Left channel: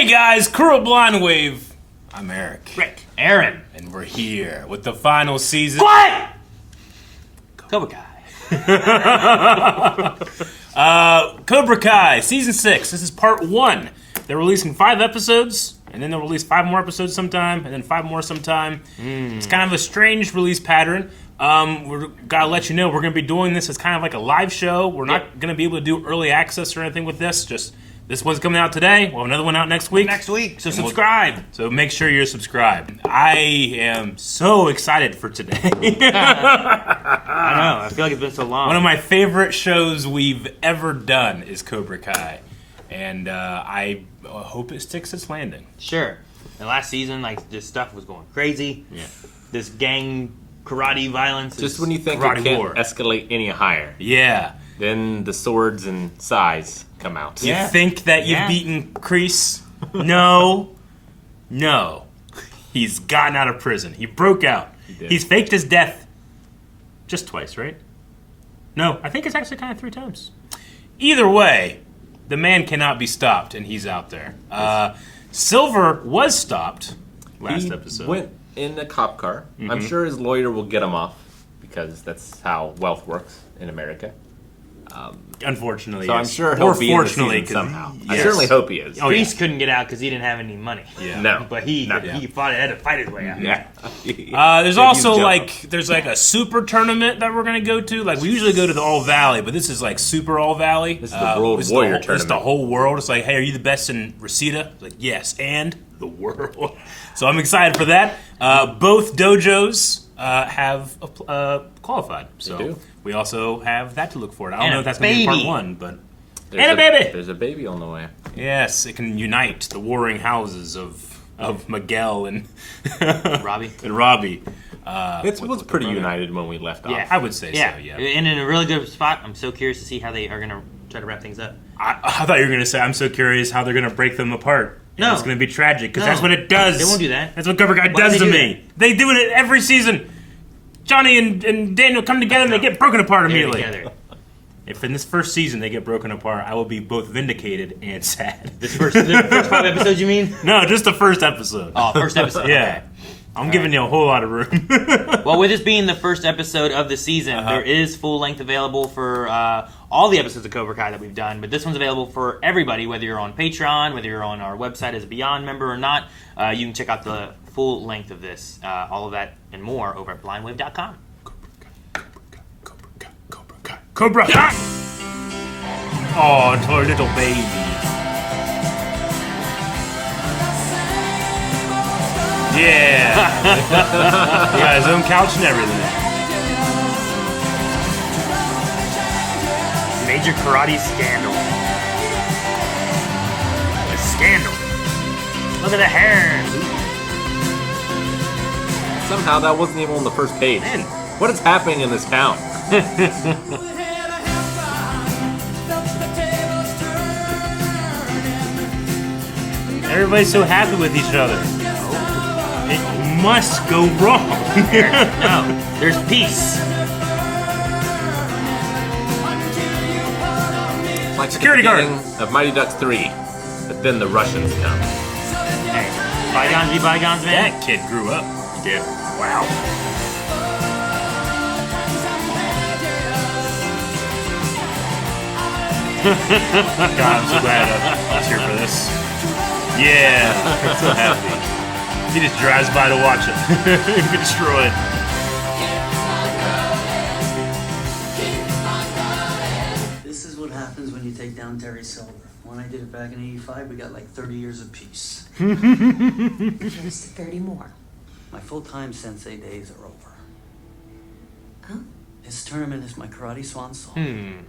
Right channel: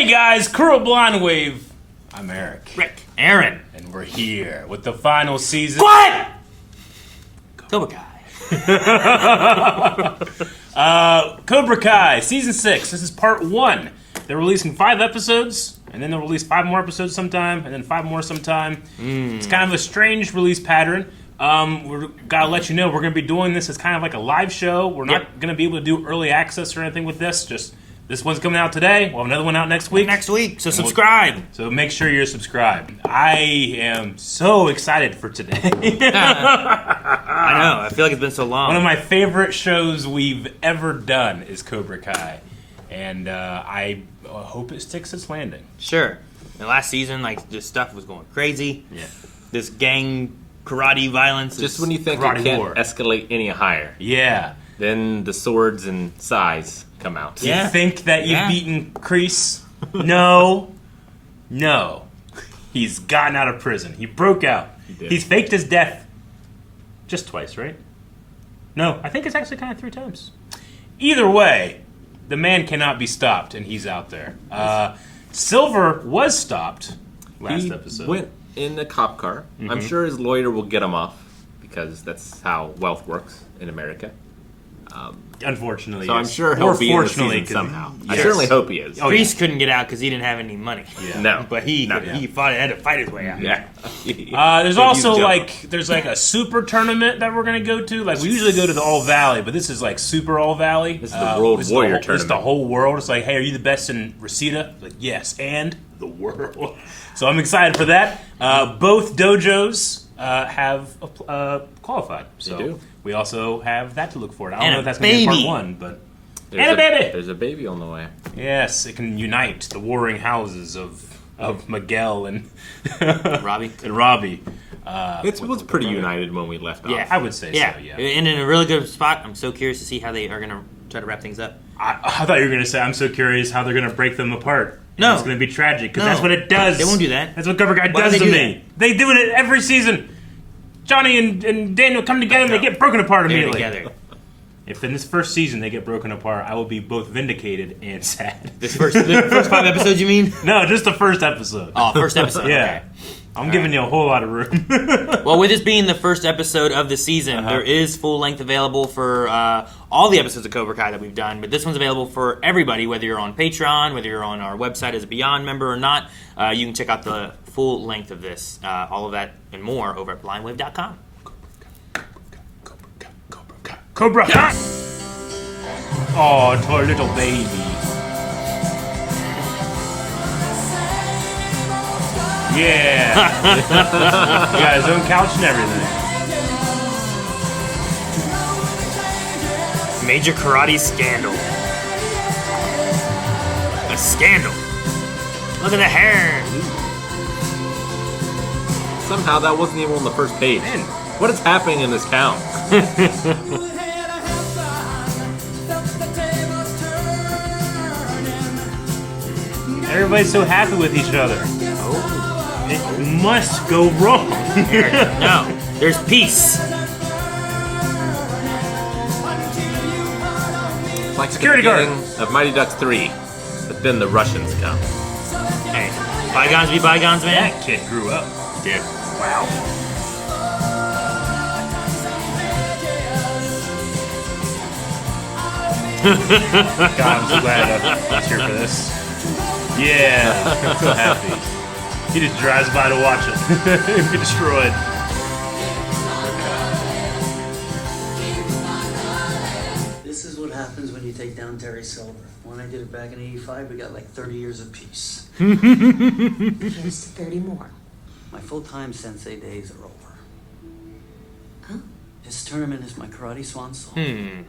Hey guys, crew of Blind Wave. I'm Eric. Rick. Aaron. And we're here with the final season. What? Cobra Kai. Cobra Kai, Season 6. This is Part 1. They're releasing 5 episodes, and then they'll release 5 more episodes sometime, and then 5 more sometime. It's kind of a strange release pattern. We're gotta let you know we're going to be doing this as kind of like a live show. We're not going to be able to do early access or anything with this. Just this one's coming out today. We'll have another one out next week. So subscribe. So make sure you're subscribed. I am so excited for today. I know. I feel like it's been so long. One of my favorite shows we've ever done is Cobra Kai. And I hope it sticks its landing. Sure. The last season, like, this stuff was going crazy. Yeah. This gang karate violence. Just when you think it can't escalate any higher. Yeah. Then the swords and size come out. You think that you've beaten Kreese? No. No. He's gotten out of prison. He broke out. He's faked his death just twice, right? No, I think it's actually kind of 3 times. Either way, the man cannot be stopped, and he's out there. Silver was stopped last episode. He went in a cop car. I'm sure his lawyer will get him off, because that's how wealth works in America. Unfortunately, so yes. I'm sure he'll be in the season somehow. Yes. I certainly hope he is. Kreese couldn't get out because he didn't have any money. Yeah. No, but he had to fight his way out. Yeah. There's also there's a super tournament that we're gonna go to. Like we usually go to the All Valley, but this is like Super All Valley. This is the World Warrior Tournament. It's the whole world. It's like, hey, are you the best in Reseda? Like, yes, and the world. So I'm excited for that. Both dojos have qualified. So they do. We also have that to look forward to. I don't And know if that's going to be part 1, but... And a baby! There's a baby on the way. Yes, it can unite the warring houses of Miguel and... Robbie. And Robbie. It was pretty united when we left off. I would say so, yeah. And in a really good spot. I'm so curious to see how they are going to try to wrap things up. I thought you were going to say, I'm so curious how they're going to break them apart. No. It's going to be tragic, because that's what it does. They won't do that. That's what Cobra Kai does to me. They do it every season. Johnny and Daniel come together and they get broken apart immediately. Together. If in this first season they get broken apart, I will be both vindicated and sad. The first 5 episodes, you mean? No, just the first episode. Oh, first episode. Yeah. Okay. I'm giving you a whole lot of room. Well, with this being the first episode of the season, there is full length available for all the episodes of Cobra Kai that we've done, but this one's available for everybody, whether you're on Patreon, whether you're on our website as a Beyond member or not. You can check out the full length of this, all of that and more over at blindwave.com. Cobra! Yeah. Oh, poor little baby. Yeah. He got his own couch and everything. Major karate scandal. The scandal. Look at the hair. Somehow that wasn't even on the first page. Man, what is happening in this town? Everybody's so happy with each other. It must go wrong. No, there's peace. Like Security the guard of Mighty Ducks 3, but then the Russians come. Hey, bygones be bygones, man. That kid grew up. He did. Wow. God, I'm so glad I was here for this. Yeah, I'm so happy. He just drives by to watch him get destroyed. This is what happens when you take down Terry Silver. When I did it back in '85, we got like 30 years of peace. Here's to 30 more. My full-time sensei days are over. Oh? This tournament is my karate swan song. And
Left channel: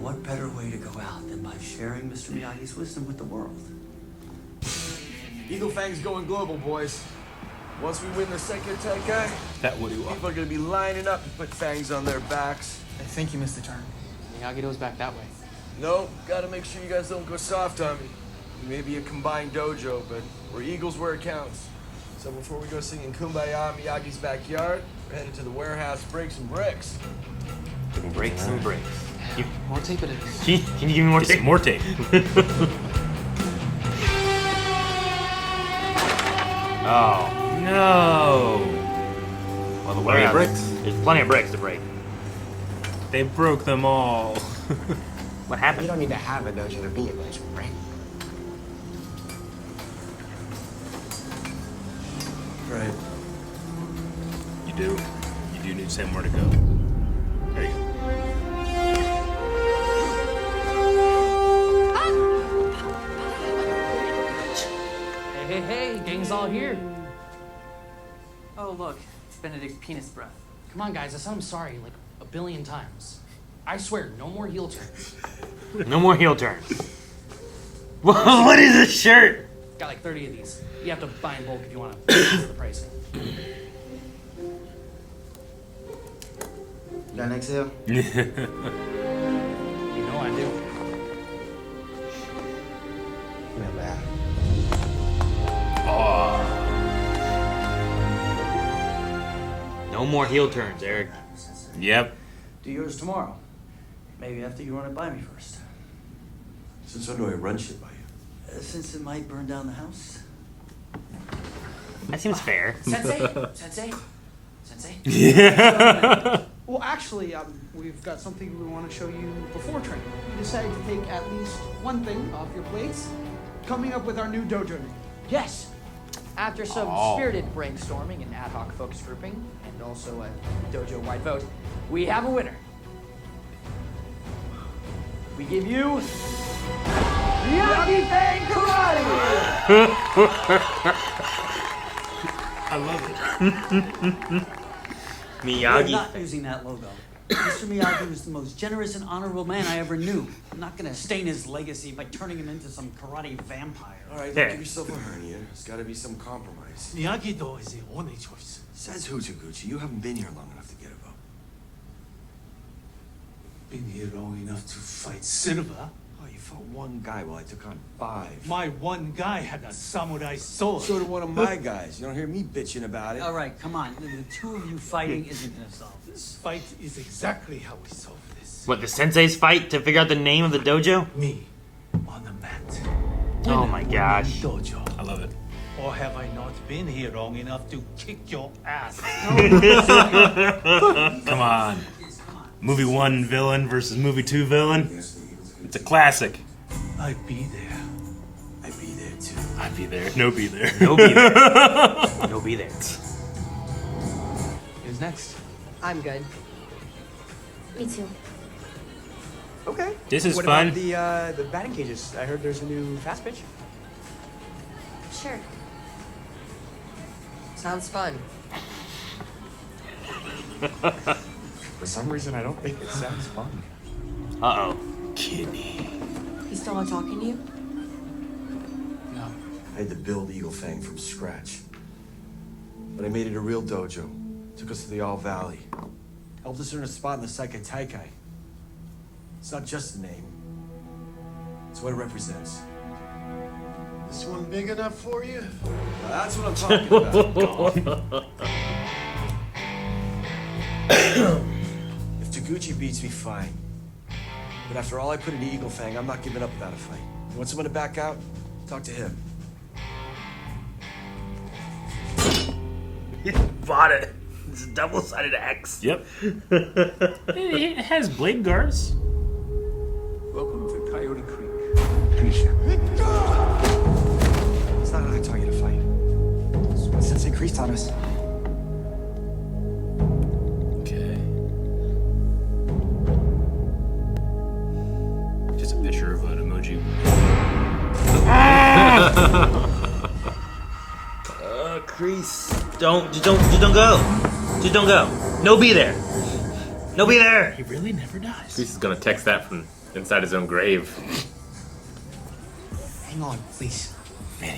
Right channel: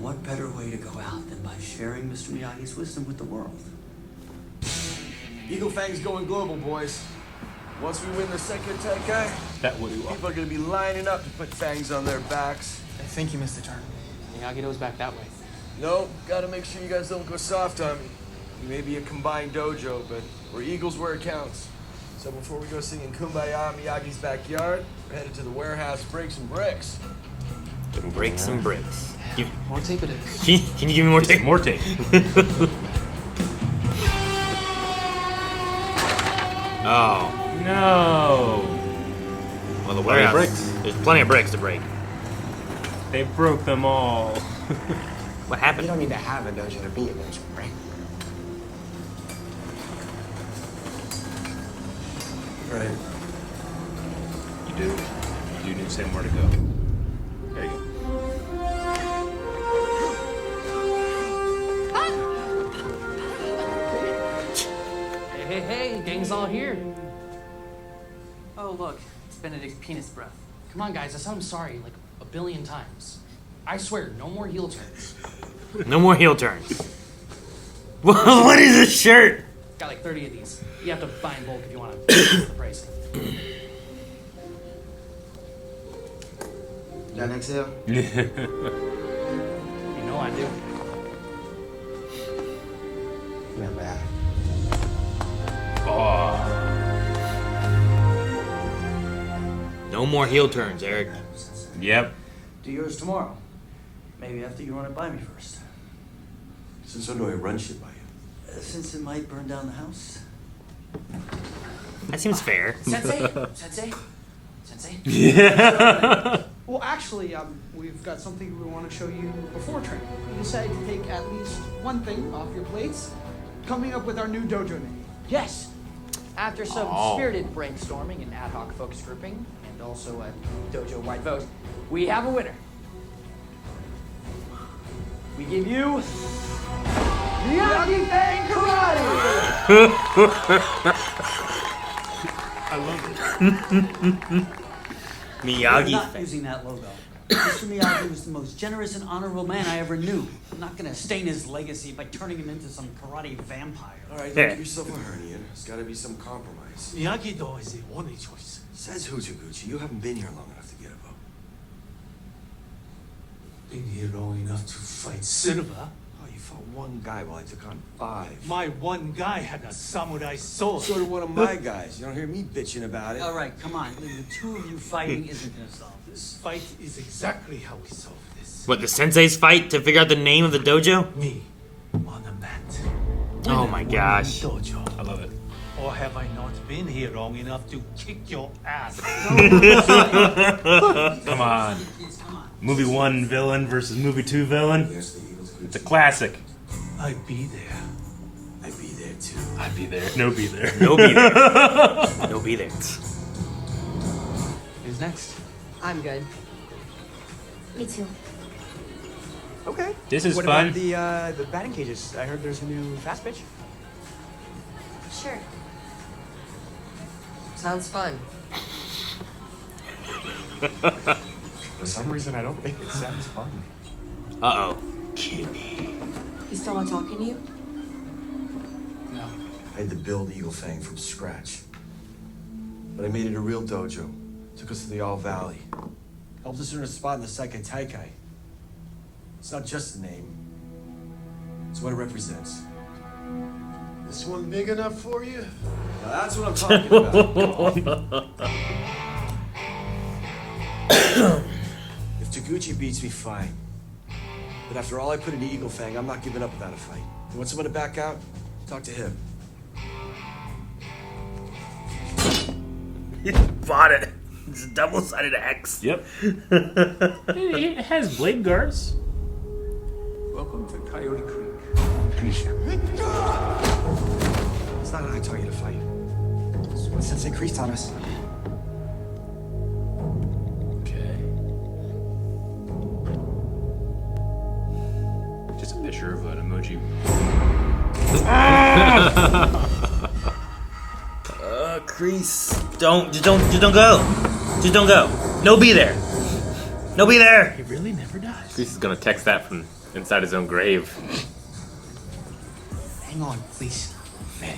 what better way to go out than by sharing Mr. Miyagi's wisdom with the world? Eagle Fang's going global, boys. Once we win the second Taikai, people are gonna be lining up to put fangs on their backs. I think you missed the turn. Miyagi-Do's back that way. No, gotta make sure you guys don't go soft on me. We may be a combined dojo, but we're Eagles where it counts. So before we go singing Kumbaya in Miyagi's backyard, we're headed to the warehouse to break some bricks. Break some bricks. More tape it is. Can you give me more tape? More tape. Oh. No. Well, the Plenty of warehouse. bricks. There's plenty of bricks to break. They broke them all. What happened? You don't need to have a dojo to be a dojo, right? Right. You do. You do need to say more to go. There you go. Hey, gang's all here. Oh, look, it's Benedict Penis Breath. Come on, guys, I said I'm sorry like a billion times. I swear, no more heel turns. No more heel turns. What is this shirt? Got like 30 of these. You have to buy in bulk if you want to raise the pricing. Got an exhale? You know I do. Not bad. No more heel turns, Eric. Yep. Do yours tomorrow. Maybe after you run it by me first. Since when do I run shit by you? Since it might burn down the house. That seems fair. Sensei? Yeah. Well, actually, we've got something we want to show you before training. We decided to take at least one thing off your plates, coming up with our new dojo name. Yes. After some Oh. spirited brainstorming and ad hoc focus grouping, and also a dojo-wide vote, we have a winner. We give you Miyagi Bang Karate! I love it. We're Miyagi. not using that logo. Mr. Miyagi was the most generous and honorable man I ever knew. I'm not gonna stain his legacy by turning him into some karate vampire. All right, don't give yourself a hernia. There's got to be some compromise. Miyagi-Do is the only choice. Says Hutaguchi. You haven't been here long enough to get a vote. Been here long enough to fight Silva. Oh, you fought one guy while I took on 5. My one guy had a samurai sword. So did one of my guys. You don't hear me bitching about it. All right, come on. The two of you fighting isn't gonna solve this. This fight is exactly how we solve this. What, the senseis fight to figure out the name of the dojo? Me, on the mat. Oh my gosh. Dojo. I love it. Or have I not been here long enough to kick your ass? Come on. Movie 1 villain versus movie 2 villain. It's a classic. I'd be there. I'd be there too. I'd be there. No be there. No be there. No be there. Who's next? I'm good. Me too. Okay. This is what fun. about the batting cages? I heard there's a new fast pitch. Sure. Sounds fun. For some reason, I don't think it sounds fun. Uh-oh. Kidney. He's still not talking to you? No. I had to build Eagle Fang from scratch. But I made it a real dojo. Took us to the All Valley. Helped us earn a spot in the Seikai Taikai. It's not just a name. It's what it represents. This one big enough for you? Now that's what I'm talking about. If Taguchi beats me, fine. But after all I put into Eagle Fang, I'm not giving up without a fight. You want someone to back out? Talk to him. You bought it. It's a double-sided X. Yep. It has blade guards. Welcome to Coyote Creek. Finish him. It's not how I taught you to fight. That's what Sensei Kreese taught us. Okay. Just a picture of an emoji. Kreese. Just don't go. Just don't go. No be there. No be there. He really never does. He's gonna text that from inside his own grave. Hang on, please.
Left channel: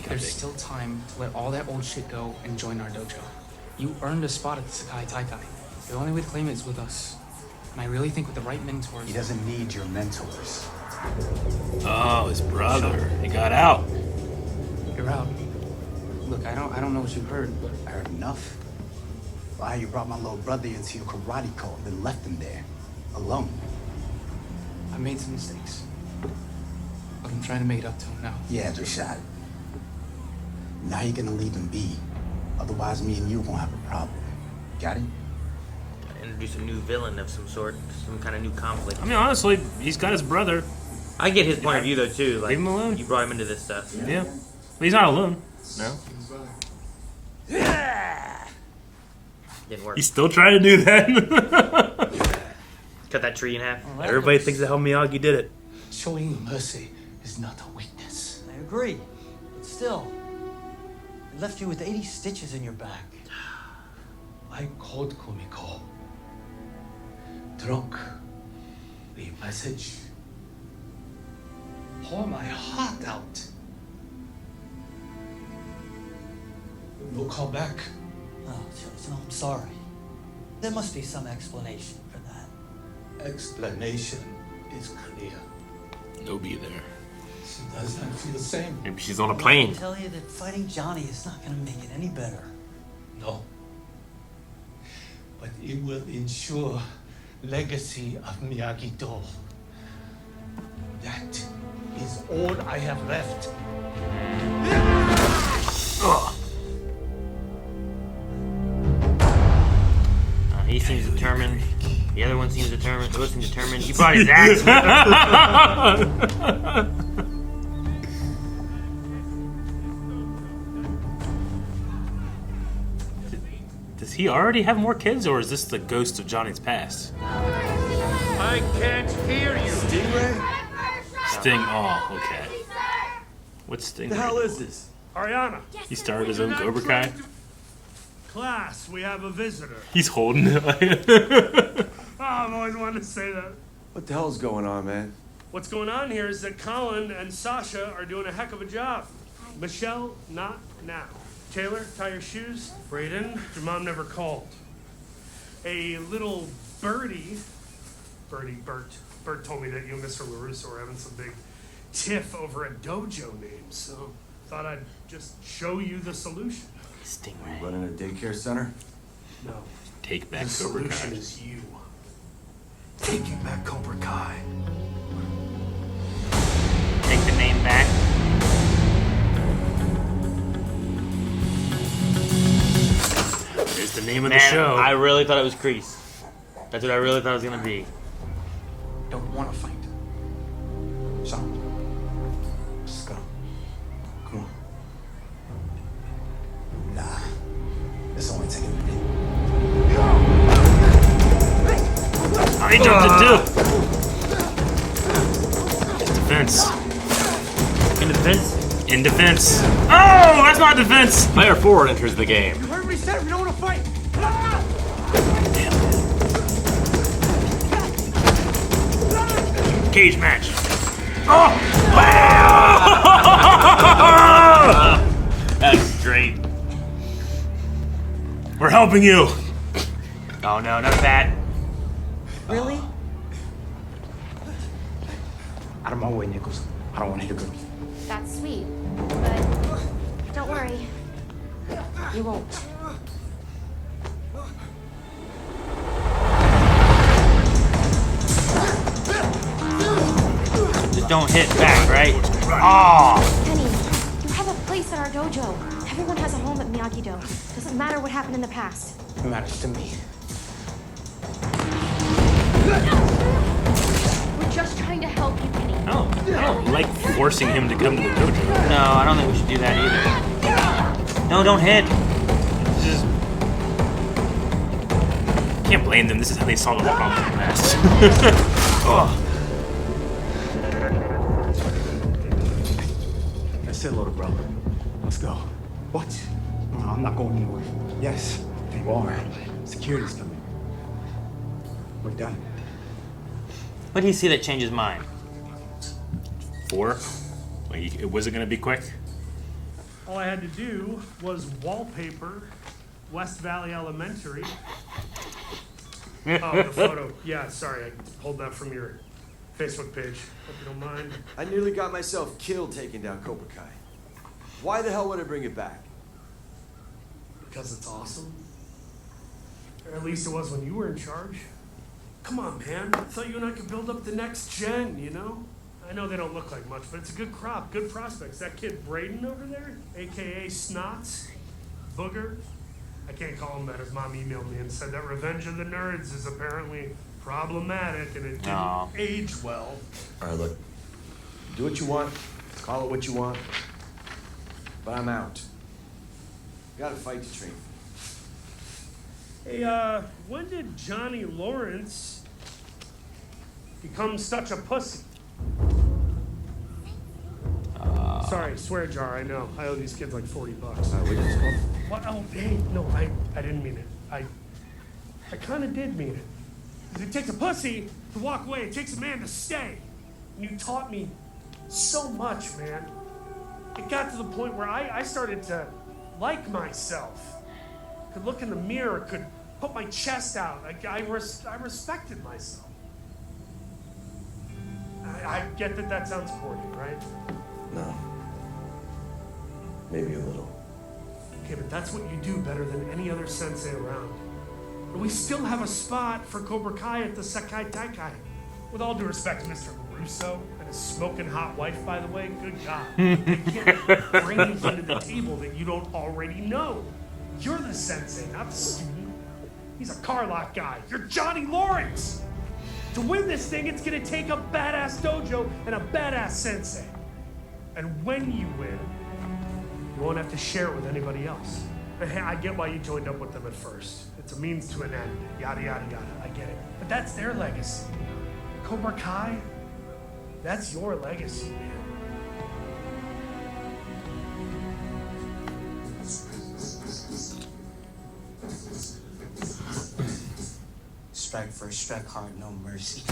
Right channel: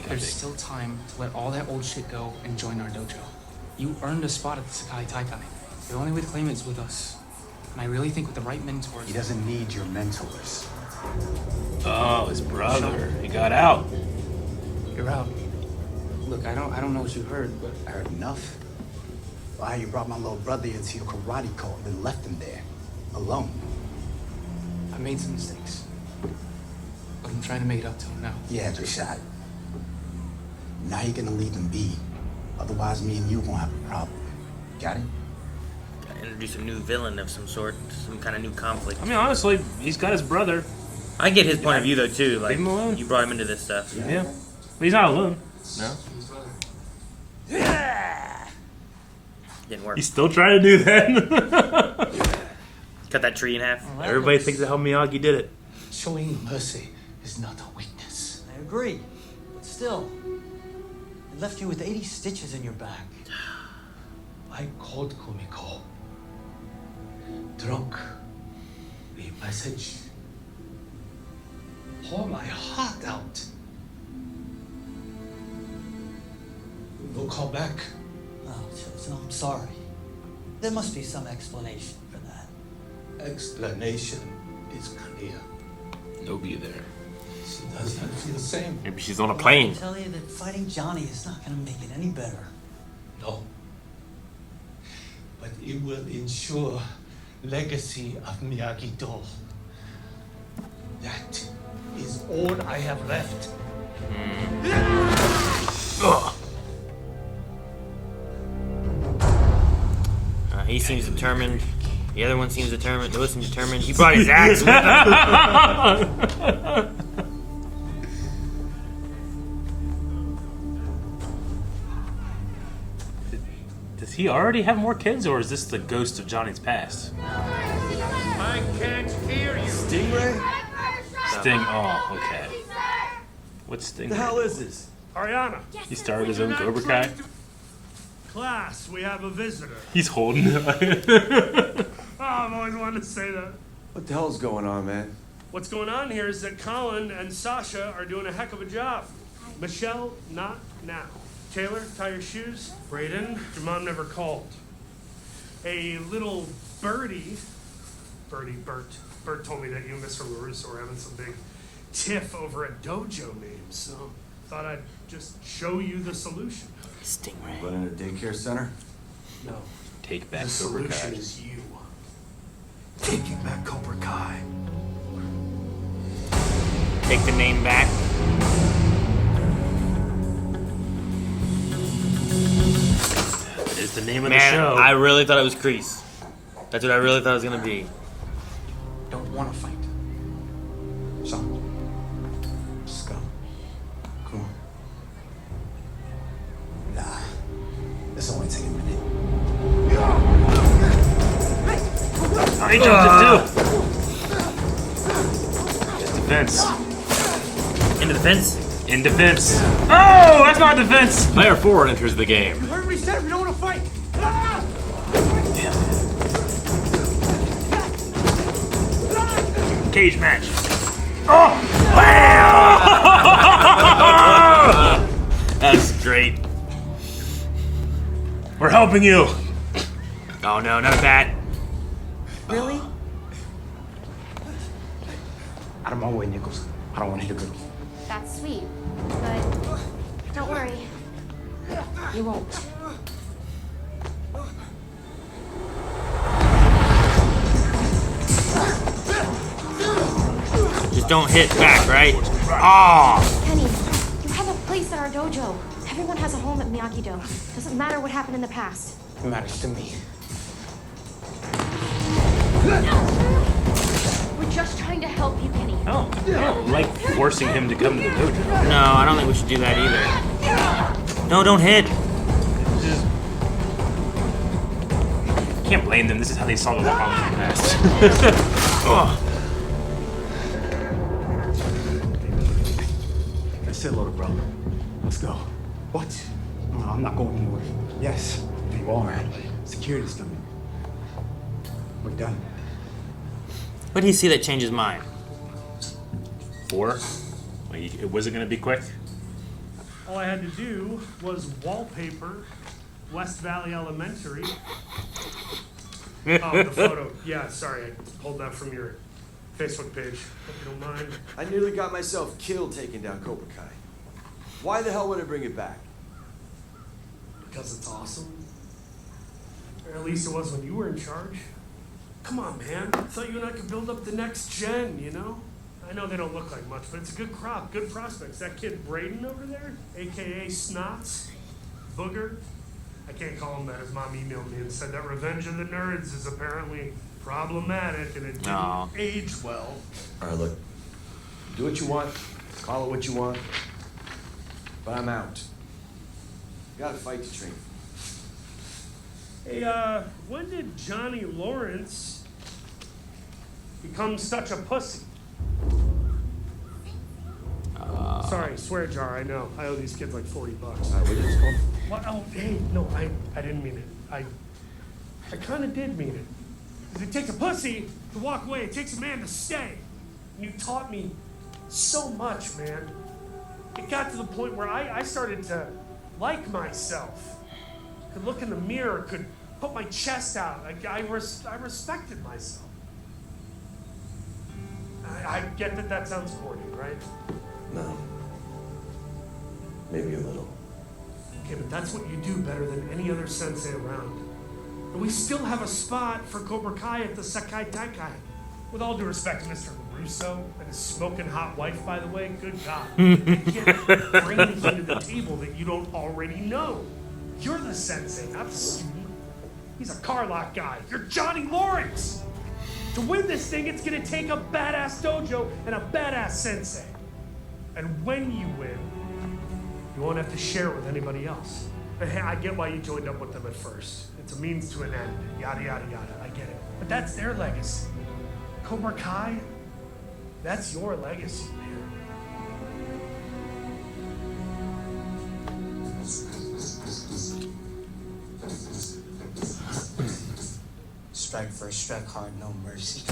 There's still time to let all that old shit go and join our dojo. You earned a spot at the Seikai Taikai. The only way to claim it is with us. And I really think with the right mentors... He doesn't need your mentors. Oh, his brother. He got out. You're out. Look, I don't know what you heard, but... I heard enough. Why you brought my little brother into your karate cult and then left him there, alone. I made some mistakes. But I'm trying to make it up to him now. Yeah, Jashad. Now you're gonna leave him be Otherwise, me and you won't have a problem. Got it? Introduce a new villain of some sort, some kind of new conflict. I mean, honestly, he's got his brother. I get his point of view though too. Like, Leave him alone. You brought him into this stuff. Yeah. Well, he's not alone. No? Didn't work. He's still trying to do that. Cut that tree in half. Well, that Everybody looks- thinks that how Miyagi did it. Showing mercy is not a weakness. I agree, but still, it left you with 80 stitches in your back. I called Kumiko. Drunk. Leave message. Pour my heart out. No call back. Oh, Chosen, I'm sorry. There must be some explanation for that. Explanation is clear. No be there. She does not feel the same. Maybe she's on a I plane. can tell you that fighting Johnny is not going to make it any better. No. But it will ensure legacy of Miyagi-Do. That is all I have left. He seems determined. The other one seems determined. Those seem determined. He brought his axe. Does he already have more kids, or is this the ghost of Johnny's past? I can't hear you. Stingray? Sting. Oh, okay. What's Sting? The hell is this? Ariana. He started his own Cobra Kai. Class, we have a visitor. He's holding it. Oh, I've always wanted to say that. What the hell's going on, man? What's going on here is that Colin and Sasha are doing a heck of a job. Michelle, not now. Taylor, tie your shoes. Brayden, your mom never called. A little Bert told me that you and Mr. LaRusso are having some big tiff over a dojo name, so thought I'd just show you the solution. Stingray. Running a daycare center? No. Take back The Cobra solution Kai. is you. Taking back Cobra Kai. Take the name back. Take the name of Man, the show. I really thought it was Kreese. That's what I really thought it was gonna be. Don't want to fight. Shawn, let's go. Come on. Nah, this only take a minute. I jumped it too. Defense. In defense. In defense. Oh, that's not defense. Player 4 enters the game. You heard me say we don't want to fight. Cage match. That's great. We're helping you. Oh no, none of that. Really? Out of my way, Nichols. I don't want to hit a girl. That's sweet, but don't worry. You won't. Just don't hit back, right? Oh! Penny, you have a place at our dojo. Everyone has a home at Miyagi-Do. Doesn't matter what happened in the past. It matters to me. We're just trying to help you, Penny. Oh, yeah, like forcing him to come to the dojo. No, I don't think we should do that either. No, don't hit. Can't blame them. This is how they solve a problem in the past. Oh. Say hello to brother. Let's go. What? No, I'm not going anywhere. Yes, you are. Security's coming. We're done. What do you see that changed his mind? 4? Like, was it going to be quick? All I had to do was wallpaper West Valley Elementary. Oh, the photo. Yeah, sorry, I pulled that from your Facebook page. Hope you don't mind. I nearly got myself killed taking down Cobra Kai. Why the hell would I bring it back? Because it's awesome. Or at least it was when you were in charge. Come on, man. I thought you and I could build up the next gen, you know? I know they don't look like much, but it's a good crop, good prospects. That kid Brayden over there, a.k.a. Snots, Booger. I can't call him that. His mom emailed me and said that Revenge of the Nerds is apparently problematic and it didn't age well. All right, look. Do what you want. Call it what you want. But I'm out. Got a fight to train. Hey, when did Johnny Lawrence become such a pussy? Sorry, swear jar, I know. I owe these kids like $40. What you just called? What? Oh, hey, no, I didn't mean it. I kind of did mean it. Because it takes a pussy to walk away. It takes a man to stay. And you taught me so much, man. It got to the point where I started to like myself. Could look in the mirror, could put my chest out. I respected myself. I get that sounds corny, right? No. Maybe a little. Okay, but that's what you do better than any other sensei around. And we still have a spot for Cobra Kai at the Sekai Taikai. With all due respect to Mr. LaRusso and his smoking hot wife, by the way, good God. They can't bring anything to the table that you don't already know. You're the sensei, not the student. He's a car lot guy. You're Johnny Lawrence. To win this thing, it's gonna take a badass dojo and a badass sensei. And when you win, you won't have to share it with anybody else. And hey, I get why you joined up with them at first. It's a means to an end, yada, yada, yada. I get it. But that's their legacy. Cobra Kai, that's your legacy, man. Strike first, strike hard, no mercy.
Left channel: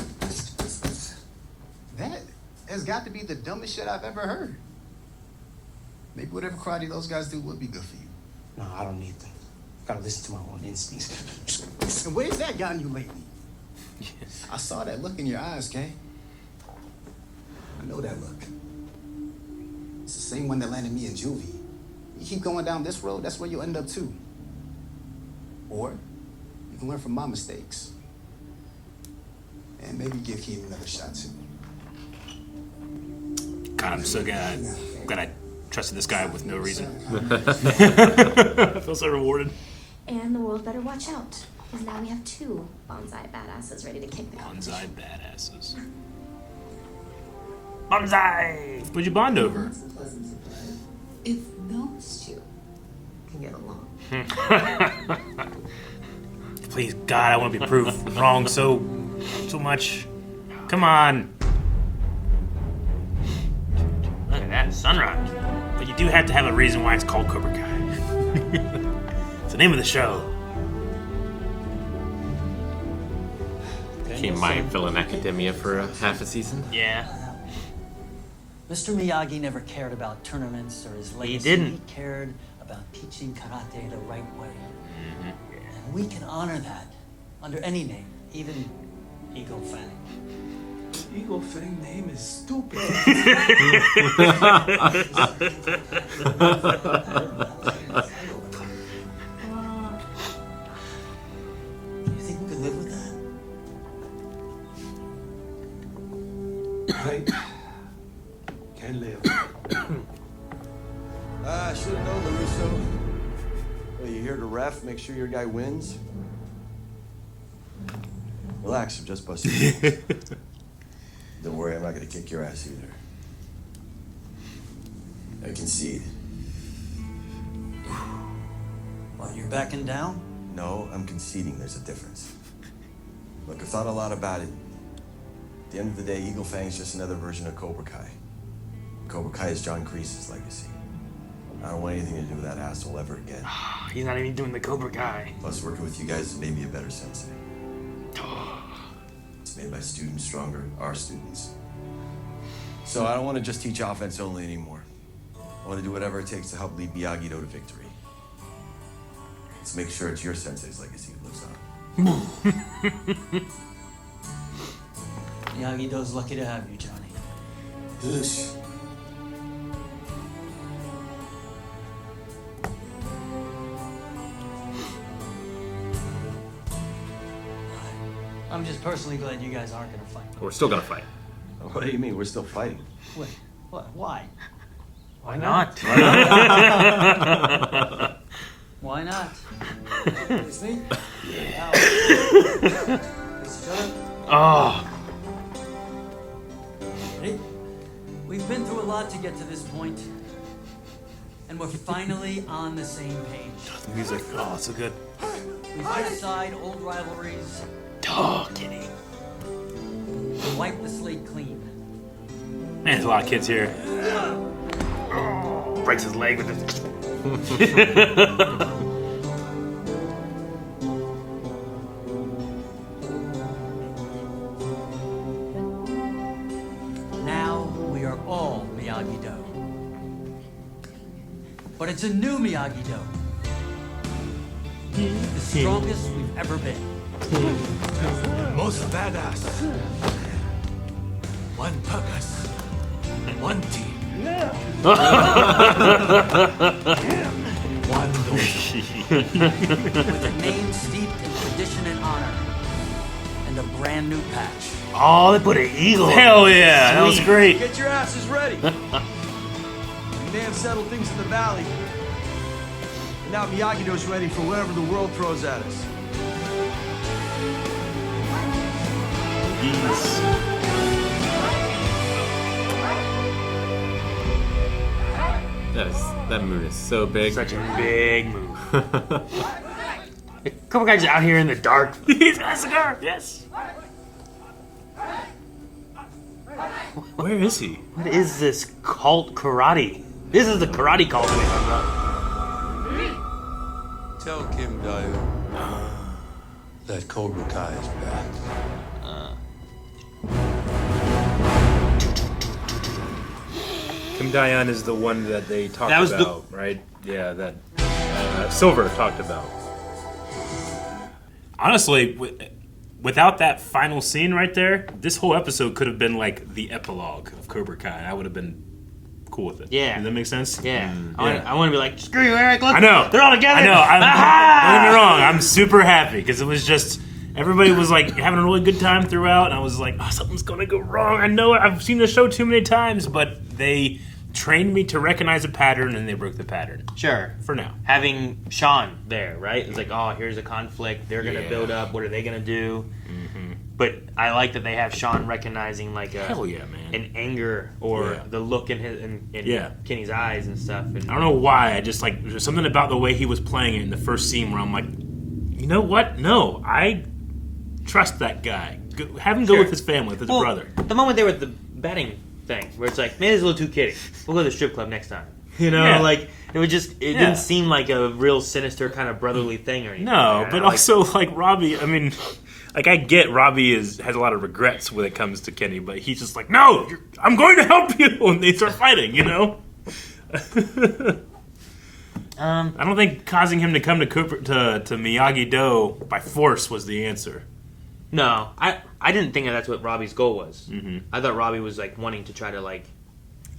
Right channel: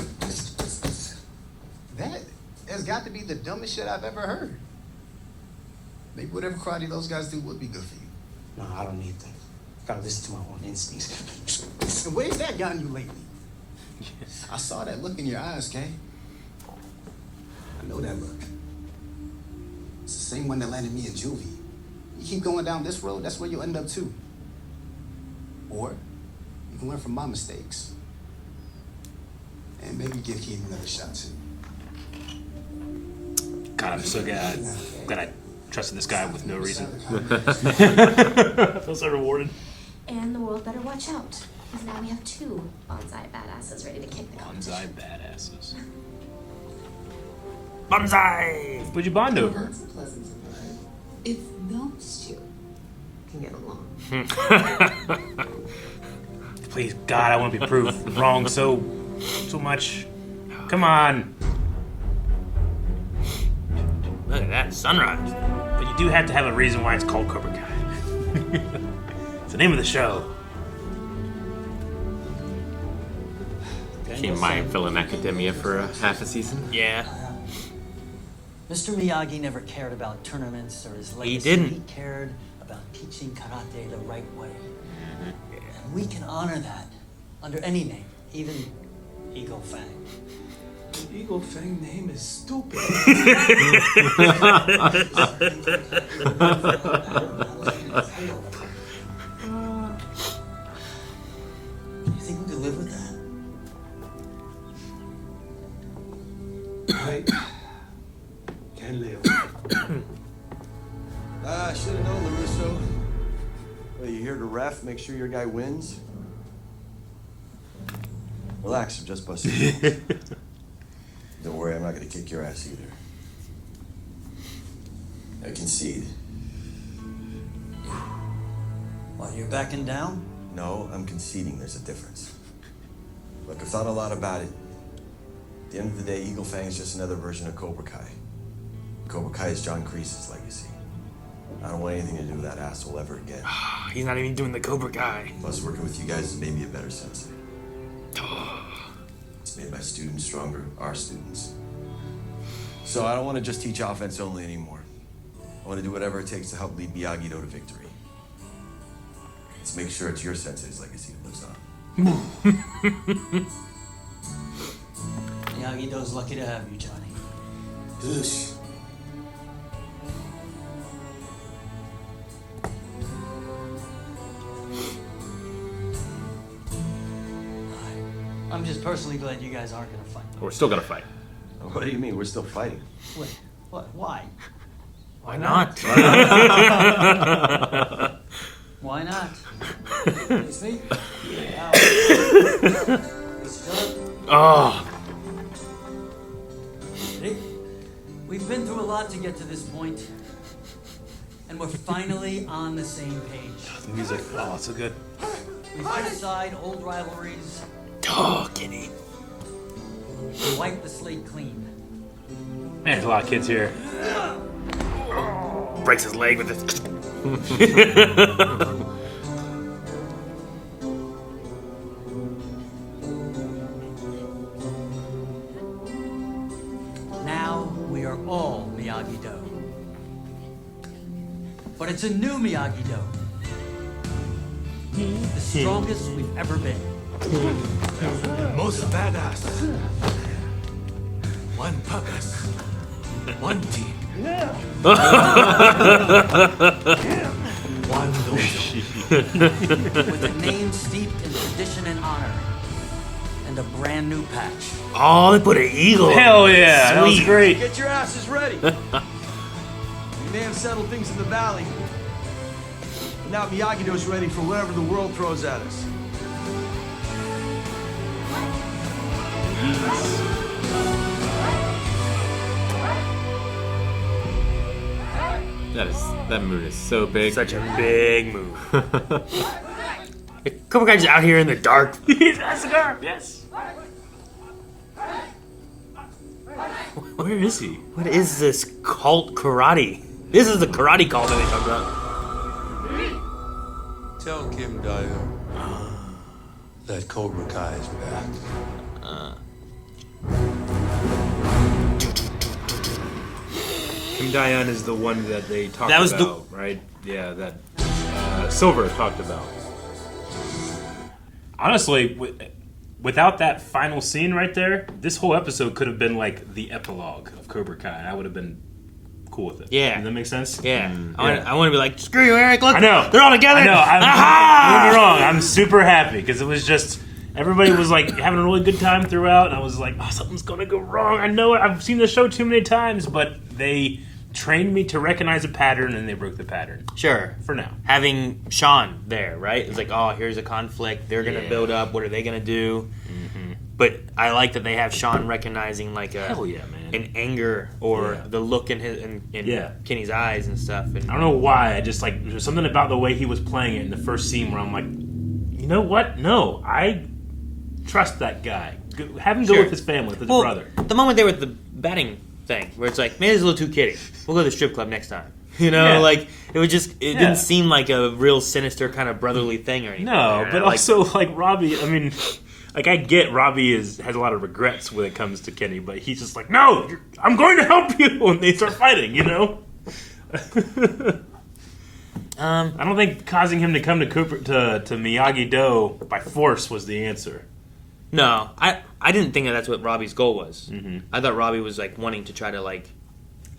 That has got to be the dumbest shit I've ever heard. Maybe whatever karate those guys do would be good for you. No, I don't need them. Gotta listen to my own instincts. And where's that gotten you lately? I saw that look in your eyes, Kay. I know that look. It's the same one that landed me in juvie. You keep going down this road, that's where you'll end up too. Or you can learn from my mistakes. And maybe give Keen another shot too. God, I'm so glad I trusted this guy with no reason. I feel so rewarded. And the world better watch out, because now we have two bonsai badasses ready to kick the competition. Bonsai badasses. Bonsai! What'd you bond over? That's a pleasant surprise. If those two can get along. Please, God, I want to be proved wrong so much. Come on. Look at that sunrise. But you do have to have a reason why it's called Cobra Kai. It's the name of the show. Can't mind filling academia for half a season. Yeah. Mr. Miyagi never cared about tournaments or his legacy. didn't. He cared about teaching karate the right way. And we can honor that under any name, even Eagle Fang. Eagle Fang name is stupid. You think we could live with that? I can live. I should have known, LaRusso. Well, you here to ref, make sure your guy wins? Relax, I'm just busting. Don't worry, I'm not gonna kick your ass either. I concede. Well, you're backing down? No, I'm conceding there's a difference. Look, I've thought a lot about it. At the end of the day, Eagle Fang is just another version of Cobra Kai. Cobra Kai is John Kreese's legacy. I don't want anything to do with that asshole ever again. He's not even doing the Cobra Kai. Plus, working with you guys has made me a better sensei. It's made my students stronger, our students. So I don't want to just teach offense only anymore. I want to do whatever it takes to help lead Miyagi-Do to victory. Let's make sure it's your sensei's legacy that lives on. Miyagi-Do's lucky to have you, Johnny. Dush. I'm just personally glad you guys aren't gonna fight. We're still gonna fight. What do you mean? We're still fighting. Wait, what? Why? Why not? Why not? Face me? Yeah. Wow. Please shut up. Oh. Ready? We've been through a lot to get to this point, and we're finally on the same page. The music, oh, so good. We put aside old rivalries. Oh, Kenny. And wipe the slate clean. Man, there's a lot of kids here. Breaks his leg with his. Now we are all Miyagi-Do. But it's a new Miyagi-Do. The strongest we've ever been. Most badass. One purpose. One team. One dojo. With a name steeped in tradition and honor. And a brand new patch. Oh, they put an eagle. Hell yeah, that was great. Get your asses ready. We may have settled things in the valley, but now Miyagi-Do's ready for whatever the world throws at us. That move is so big. Such a big move. Cobra Kai's out here in the dark. He's got a cigar, yes. Where is he? What is this cult karate? This is the karate cult. Tell Kim Daya that Cobra Kai is back. Kim Dayan is the one that they talked That was about, right? Yeah, that Silver talked about. Honestly, without that final scene right there, this whole episode could have been like the epilogue of Cobra Kai. I would have been cool with it. Yeah. Does that make sense? Yeah. Yeah. I want to be like, screw you, Eric. Look, I know. they're all together. I know. Don't get me wrong. I'm super happy because it was just everybody was like having a really good time throughout, and I was like, oh, something's gonna go wrong. I know I've seen the show too many times, but they trained me to recognize a pattern, and they broke the pattern. Sure. For now. Having Shawn there, right? It's like, oh, here's a conflict. They're going to build up. What are they going to do? Mm-hmm. But I like that they have Shawn recognizing like hell yeah, man. An anger or the look in his in Kenny's eyes and stuff. And I don't know why. I just like there's something about the way he was playing it in the first scene where I'm like, you know what? No, I trust that guy. Have him go with his family, with his brother. The moment they were at the batting thing, where it's like, maybe it's a little too kidding. We'll go to the strip club next time. You know, like it was just it didn't seem like a real sinister kind of brotherly thing or anything. No, but also like Robbie. I mean, like I get Robbie has a lot of regrets when it comes to Kenny, but he's just like, no, I'm going to help you, and they start fighting. You know. I don't think causing him to come to Miyagi-Do by force was the answer. No, I didn't think that's what Robbie's goal was. Mm-hmm. I thought Robbie was like wanting to try to like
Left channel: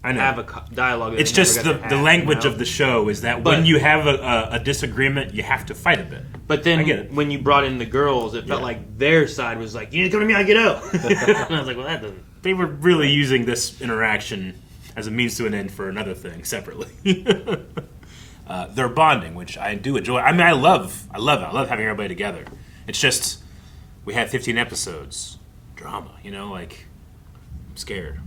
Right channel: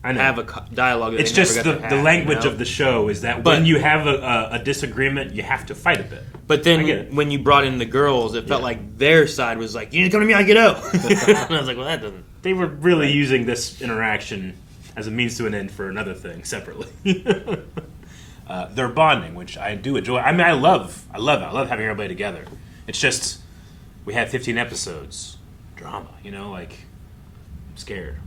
have a dialogue. It's just the language of the show is that when you have a disagreement, you have to fight a bit. But then when you brought in the girls, it felt like their side was like, you need to come to Miyagi-Do. And I was like, well, that doesn't. They were really using this interaction as a means to an end for another thing separately. They're bonding, which I do enjoy. I mean, I love it. I love having everybody together. It's just we had 15 episodes, drama. You know, like I'm scared.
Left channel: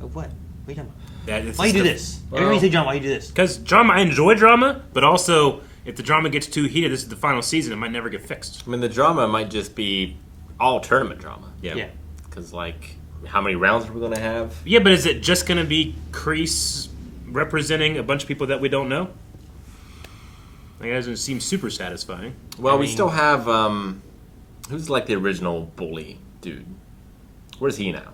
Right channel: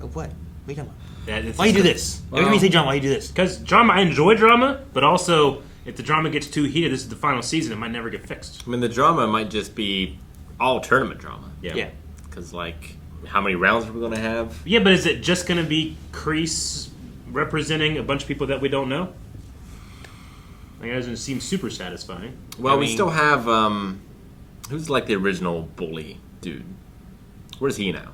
Of what? What are you talking about? Why you do this? Every time you say drama, why you do this? Because drama, I enjoy drama, but also if the drama gets too heated, this is the final season, it might never get fixed. I mean, the drama might just be all tournament drama. Yeah. Because, like, how many rounds are we going to have? Yeah, but is it just going to be Kreese representing a bunch of people that we don't know? Like, it doesn't seem super satisfying. Well, we still have, who's like the original bully dude? Where's he now?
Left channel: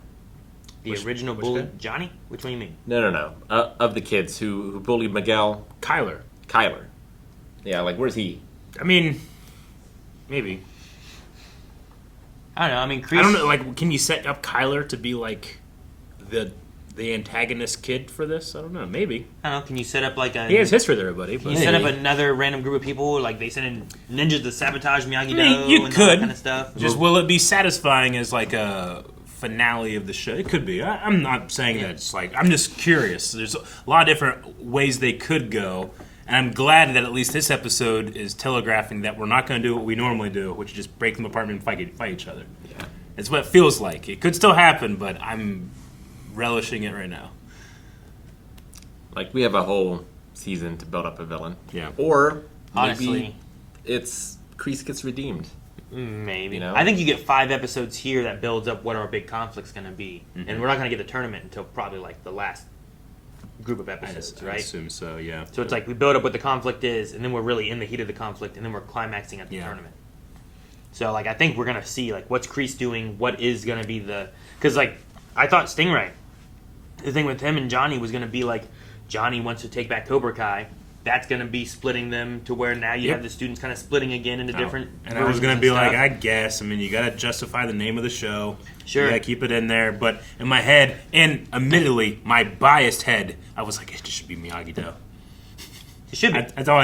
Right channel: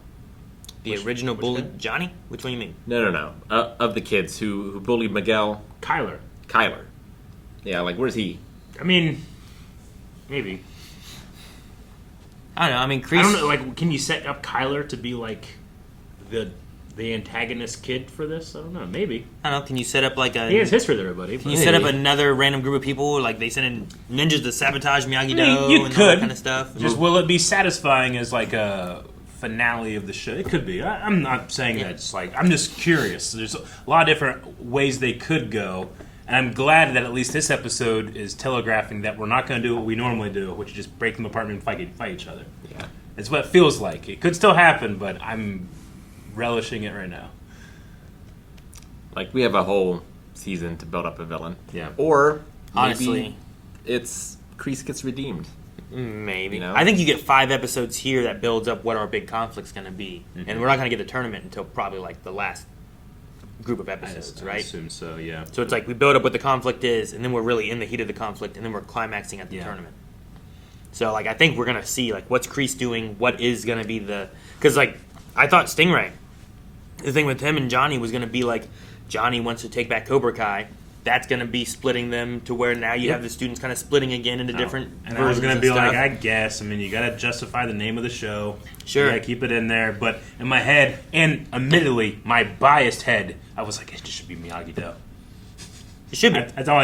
The original bully? Johnny? Which one you mean? No. Of the kids who bullied Miguel. Kyler. Yeah, like, where's he? I mean, maybe. I don't know. I mean, Kreese... I don't know. Like, can you set up Kyler to be, like, the antagonist kid for this? I don't know. Maybe. I don't know. Can you set up, like, a... He has history there, buddy. Can you set up another random group of people? Like, they send in ninjas to sabotage Miyagi-Do you and could. all that kind of stuff? Just, will it be satisfying as, like, a finale of the show? It could be. I'm not saying that it's like... I'm just curious. There's a lot of different ways they could go And I'm glad that at least this episode is telegraphing that we're not going to do what we normally do, which is just break them apart and fight each other. Yeah. It's what it feels like. It could still happen, but I'm relishing it right now. Like, we have a whole season to build up a villain. Yeah. Or Honestly, maybe it's Kreese gets redeemed. Maybe. You know? I think you get 5 episodes here that builds up what our big conflict's going to be. Mm-hmm. And we're not going to get the tournament until probably like the last group of I episodes, right? assume so, yeah. So it's like we build up what the conflict is, and then we're really in the heat of the conflict, and then we're climaxing at the tournament. So like I think we're going to see like what's Kreese doing, what is going to be the... Because like I thought Stingray, the thing with him and Johnny was going to be like Johnny wants to take back Cobra Kai. That's going to be splitting them to where now you have the students kind of splitting again into different And I was going to be like, I guess. I mean, you got to justify the name of the show. Sure. You got to keep it in there. But in my head, and admittedly, my biased head, I was like, it just should be Miyagi-Do. It should be. That's all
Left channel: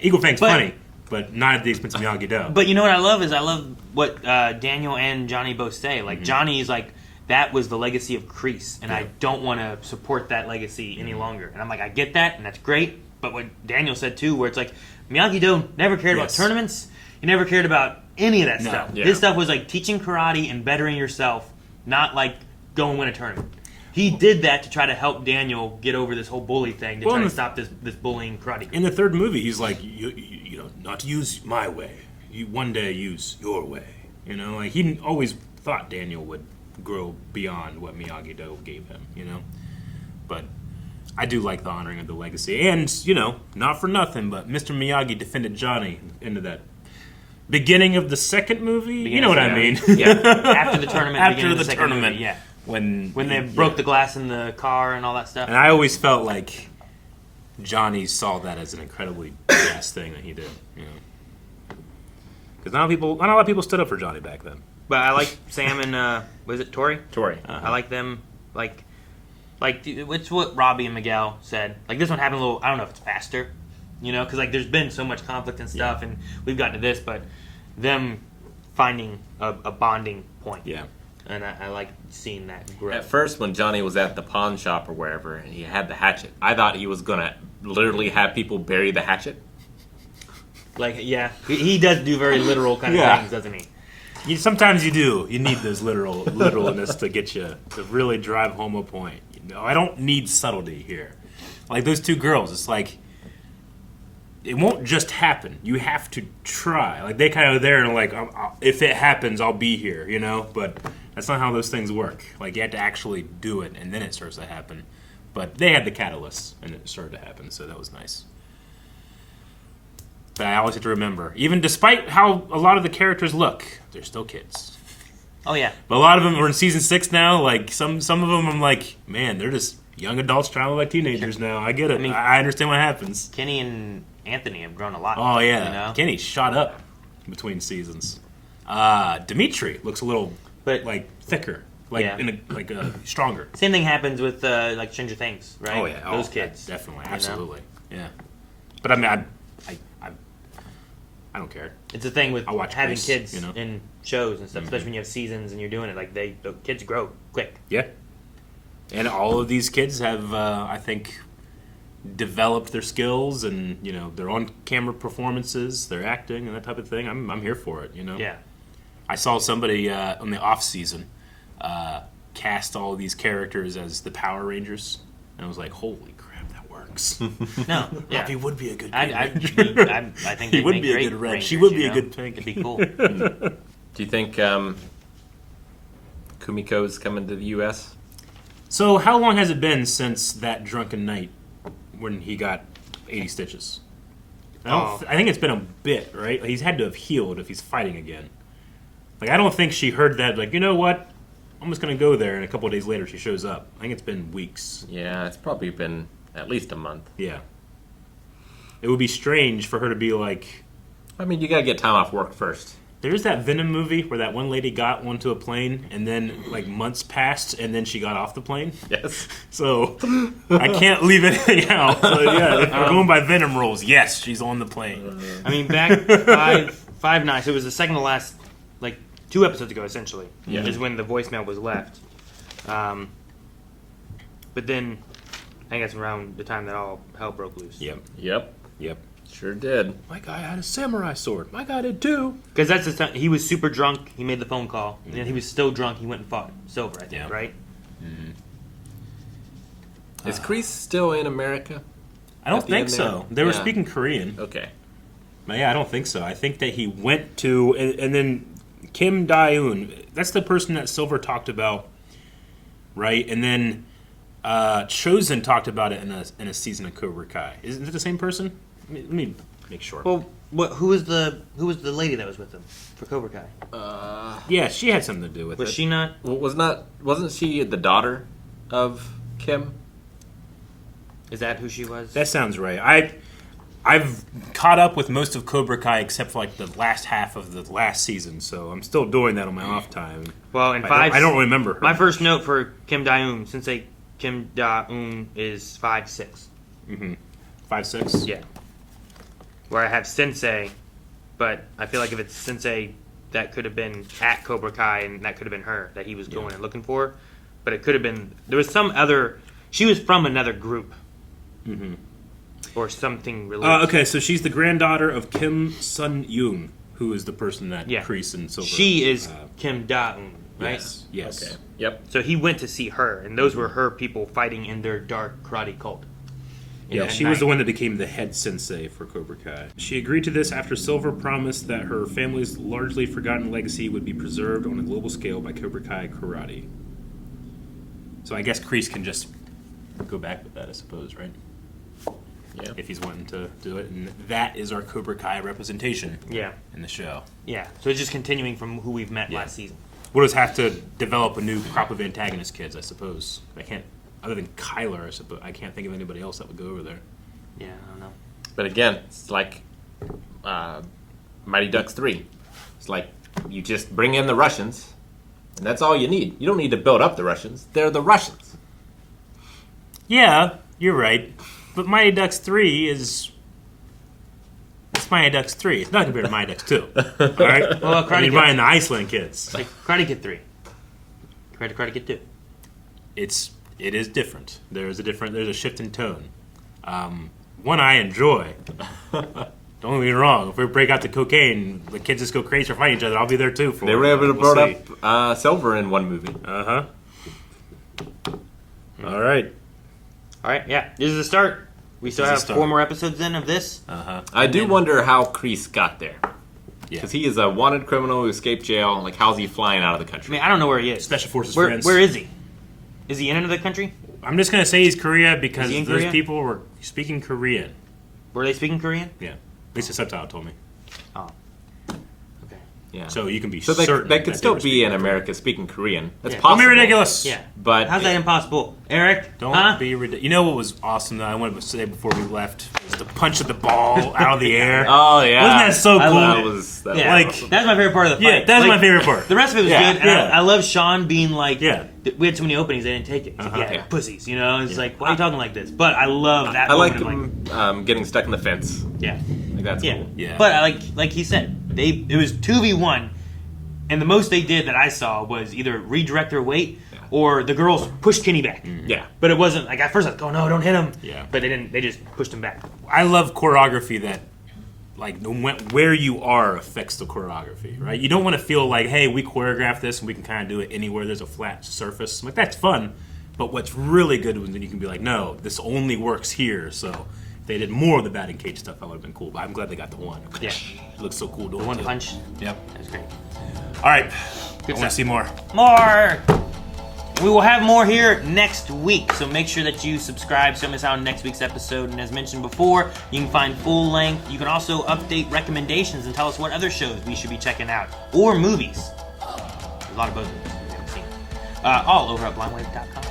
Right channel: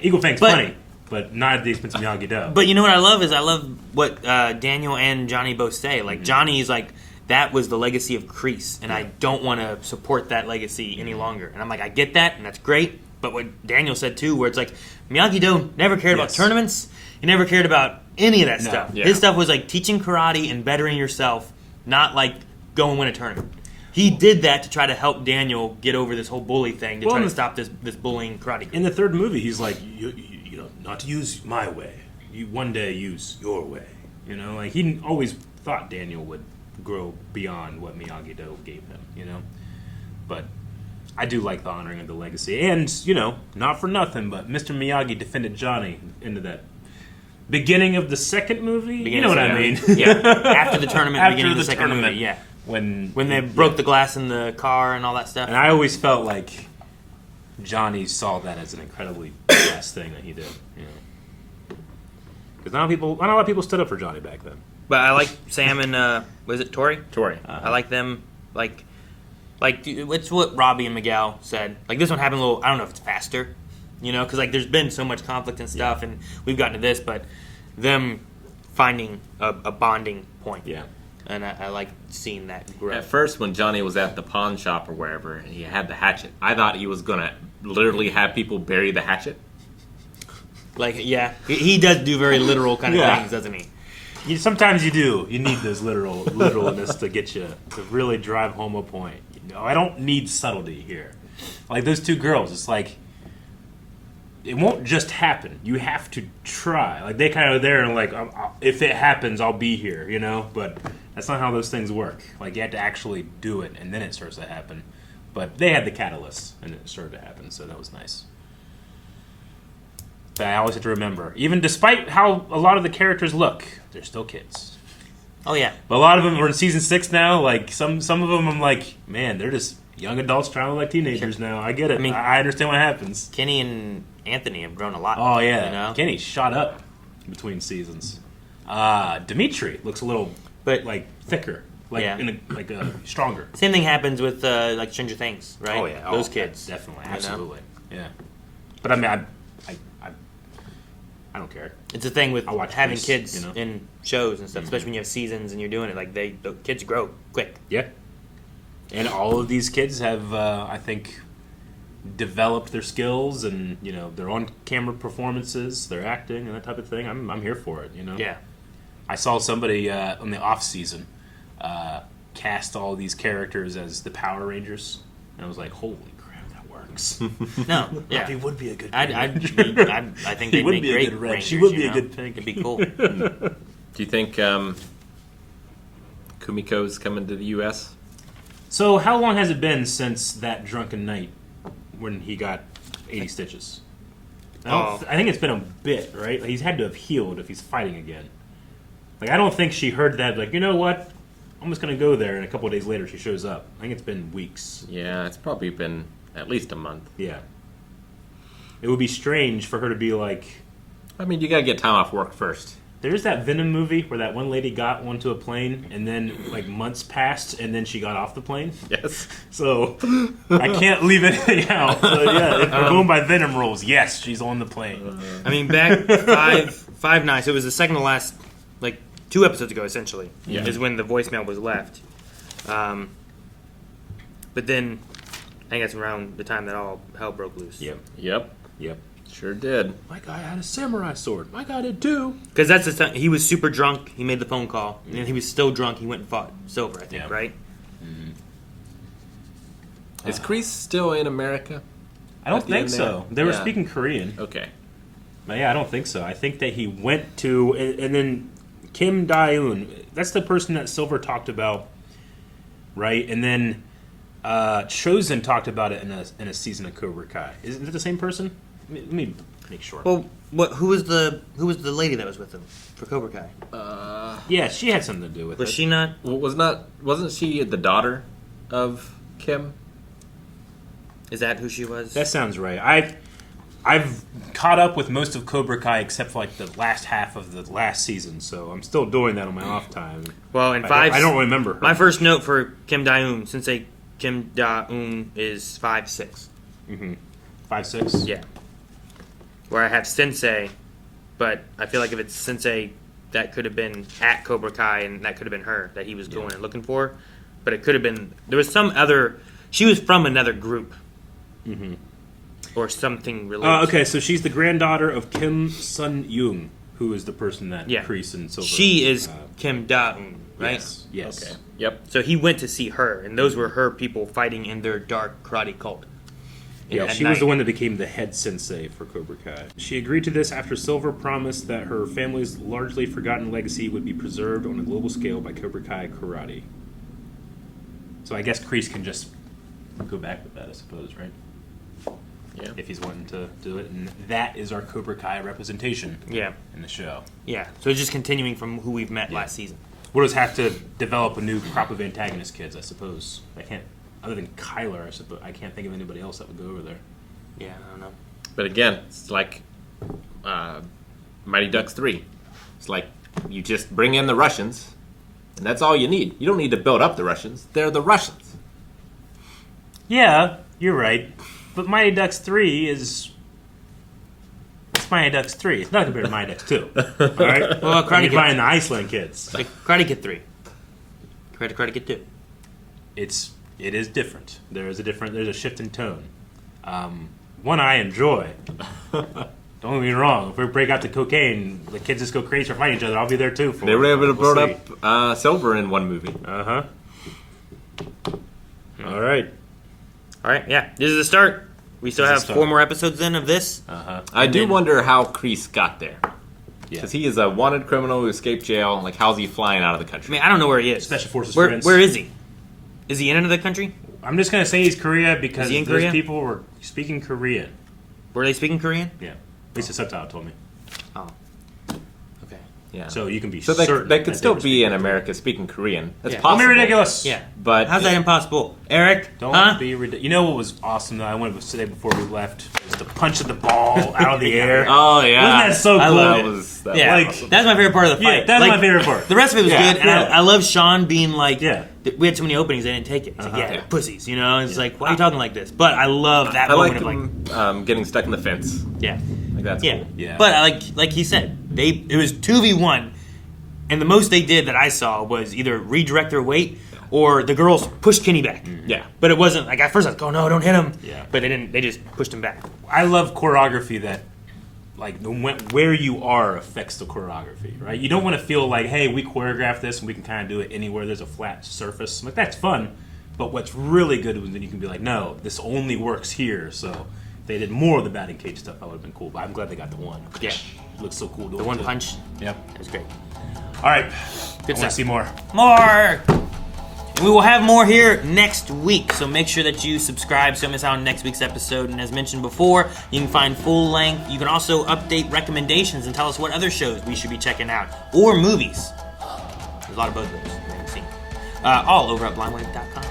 Eagle Fang's funny, but not at the expense of Miyagi-Do. But you know what I love is I love what Daniel and Johnny both say. Like Johnny's like, that was the legacy of Kreese, and I don't want to support that legacy any longer. And I'm like, I get that, and that's great. But what Daniel said too, where it's like Miyagi-Do never cared about tournaments. He never cared about any of that stuff. Yeah. His stuff was like teaching karate and bettering yourself, not like go and win a tournament. He did that to try to help Daniel get over this whole bully thing, to try to stop this bullying karate. In the third movie, he's like, you know, not to use my way. You one day use your way. You know, like he always thought Daniel would grow beyond what Miyagi-Do gave him. You know, but I do like the honoring of the legacy, and you know, not for nothing, but Mr. Miyagi defended Johnny into that beginning of the second movie. You know what I mean? Yeah, after the tournament, After beginning of the the second tournament, movie, yeah. when they broke the glass in the car and all that stuff. And I always felt like Johnny saw that as an incredibly best thing that he did. You know, because not a lot of people stood up for Johnny back then. But I like Sam and was it Tori? Tori. I like them. Like it's what Robbie and Miguel said. Like this one happened a little. I don't know if it's faster, you know, because like there's been so much conflict and stuff, and we've gotten to this, but them finding a bonding point. Yeah. And I like seeing that grow. At first, when Johnny was at the pawn shop or wherever, and he had the hatchet, I thought he was gonna literally have people bury the hatchet. Like, yeah, he does do very literal kind of things, doesn't he? Sometimes you do. You need those literalness to get you to really drive home a point. You know, I don't need subtlety here. Like those two girls, it's like it won't just happen. You have to try. Like they kind of there and like, if it happens, I'll be here. You know, but that's not how those things work. Like you have to actually do it, and then it starts to happen. But they had the catalyst, and it started to happen, so that was nice. But I always have to remember, even despite how a lot of the characters look, they're still kids. Oh yeah. But a lot of them are in season 6 now. Like some of them, I'm like, man, they're just young adults trying to look like teenagers now. I get it. I mean, I understand what happens. Kenny and Anthony have grown a lot. Oh yeah, you know? Kenny shot up between seasons. Dimitri looks a little like thicker, like stronger. Same thing happens with like Stranger Things, right? Oh yeah, those kids. Definitely, absolutely, yeah. But I mean, I don't care. It's a thing with having Kreese, kids you know? in shows and stuff, especially when you have seasons and you're doing it. Like the kids grow quick. Yeah, and all of these kids have, I think, developed their skills and you know their on-camera performances, their acting and that type of thing. I'm here for it. You know. Yeah. I saw somebody on the off season cast all these characters as the Power Rangers, and I was like, holy crap, that works. No, yeah, he would be a good. I think he they'd would make be a great good red. Rangers, She would be you a know? good pink. It'd be cool. Do you think Kumiko's coming to the U.S.? So how long has it been since that drunken night when he got 80 stitches? I think it's been a bit, right? Like, he's had to have healed if he's fighting again. Like I don't think she heard that. Like you know what? I'm just gonna go there, and a couple of days later she shows up. I think it's been weeks. Yeah, it's probably been at least a month. Yeah. It would be strange for her to be like... I mean, you gotta get time off work first. There's that Venom movie where that one lady got onto a plane and then like months passed and then she got off the plane. Yes. So I can't leave anything out. So yeah, if we're going by Venom rules, yes, she's on the plane. I mean, back five nights. It was the second to last, like 2 episodes ago, essentially. Yeah. Is when the voicemail was left. But then I think that's around the time that all hell broke loose. Yep. Yep. Sure did. My guy had a samurai sword. My guy did too. Because that's the time he was super drunk. He made the phone call, and he was still drunk. He went and fought Silver, I think, right? Mm-hmm. Is Kreese still in America? I don't think so. They were speaking Korean. Okay. But yeah, I don't think so. I think that he went to, and then Kim Dae-un, that's the person that Silver talked about, right? And then Chosen talked about it in a season of Cobra Kai. Isn't it the same person? Let me make sure. Well, who was the lady that was with him for Cobra Kai? Yeah, she had something to do with it. Was she not? Well, wasn't she the daughter of Kim? Is that who she was? That sounds right. I've caught up with most of Cobra Kai except for like the last half of the last season, so I'm still doing that on my off time. Well, in I don't remember her. My first note for Kim Dae-un, Sensei Kim Dae-un is 5'6". Mm-hmm. 5'6"? Yeah. Where I have Sensei, but I feel like if it's Sensei, that could have been at Cobra Kai, and that could have been her that he was going and looking for. But it could have been, there was some other, she was from another group. Mm-hmm. Or something related. Okay, so she's the granddaughter of Kim Sun-young, who is the person that Kreese and Silver. She is Kim Da-un, right? Yes. Okay. Yep. So he went to see her, and those were her people fighting in their dark karate cult. Yeah, she was the one that became the head sensei for Cobra Kai. She agreed to this after Silver promised that her family's largely forgotten legacy would be preserved on a global scale by Cobra Kai karate. So I guess Kreese can just go back with that, I suppose, right? Yeah. If he's wanting to do it. And that is our Cobra Kai representation in the show. Yeah, so it's just continuing from who we've met last season. We'll just have to develop a new crop of antagonist kids, I suppose. I can't, other than Kyler, I suppose. I can't think of anybody else that would go over there. Yeah, I don't know. But again, it's like Mighty Ducks 3. It's like you just bring in the Russians, and that's all you need. You don't need to build up the Russians. They're the Russians. Yeah, you're right. But Mighty Ducks 3 is... It's Mighty Ducks 3. It's not compared to Mighty Ducks 2. Alright? Well, Karate Kid... buying the Iceland kids. Like Karate Kid 3. Karate Kid 2. It is different. There's a shift in tone. One I enjoy. Don't get me wrong. If we break out the cocaine, the kids just go crazy for fighting each other. I'll be there too. They were able to build up Silver in one movie. Uh-huh. All right. All right, yeah. This is the start. We still have 4 more episodes in of this. Uh-huh. I do wonder how Kreese got there. Because he is a wanted criminal who escaped jail. Like, how's he flying out of the country? I mean, I don't know where he is. Special Forces friends. Where is he? Is he in another country? I'm just going to say he's Korea because those Korea? people were speaking Korean. Were they speaking Korean? Yeah. At least the subtitle told me. Oh. Okay. Yeah. So you can be so certain they could still be in America speaking Korean. That's possible. Don't be ridiculous. Yeah. But how's that impossible? Eric? Don't be ridiculous. You know what was awesome that I wanted to say before we left? Was the punch of the ball out of the air. Oh, yeah. Wasn't that so cool? That's my favorite part of the fight. Yeah, that's my favorite part. The rest of it was good. And I love Shawn being like, we had so many openings, they didn't take it. It's like, pussies, you know? It's like, why are you talking like this? But I love that moment of like... getting stuck in the fence. Yeah. Like, that's cool. Yeah. But like he said, it was 2v1, and the most they did that I saw was either redirect their weight or the girls pushed Kenny back. Yeah. But it wasn't, like, at first I was like, oh no, don't hit him. Yeah. But they didn't, they just pushed him back. I love choreography that, like, where you are affects the choreography, right? You don't want to feel like, hey, we choreographed this and we can kind of do it anywhere there's a flat surface. Like, that's fun, but what's really good is when you can be like, no, this only works here, so if they did more of the batting cage stuff, that would have been cool, but I'm glad they got the one. Yeah. It looks so cool. The one punch. Yep. That was great. All right. Good I want to see more. More! We will have more here next week, so make sure that you subscribe so you don't miss out on next week's episode. And as mentioned before, you can find full length. You can also update recommendations and tell us what other shows we should be checking out, or movies. There's a lot of both movies I haven't seen. All over at blindwave.com.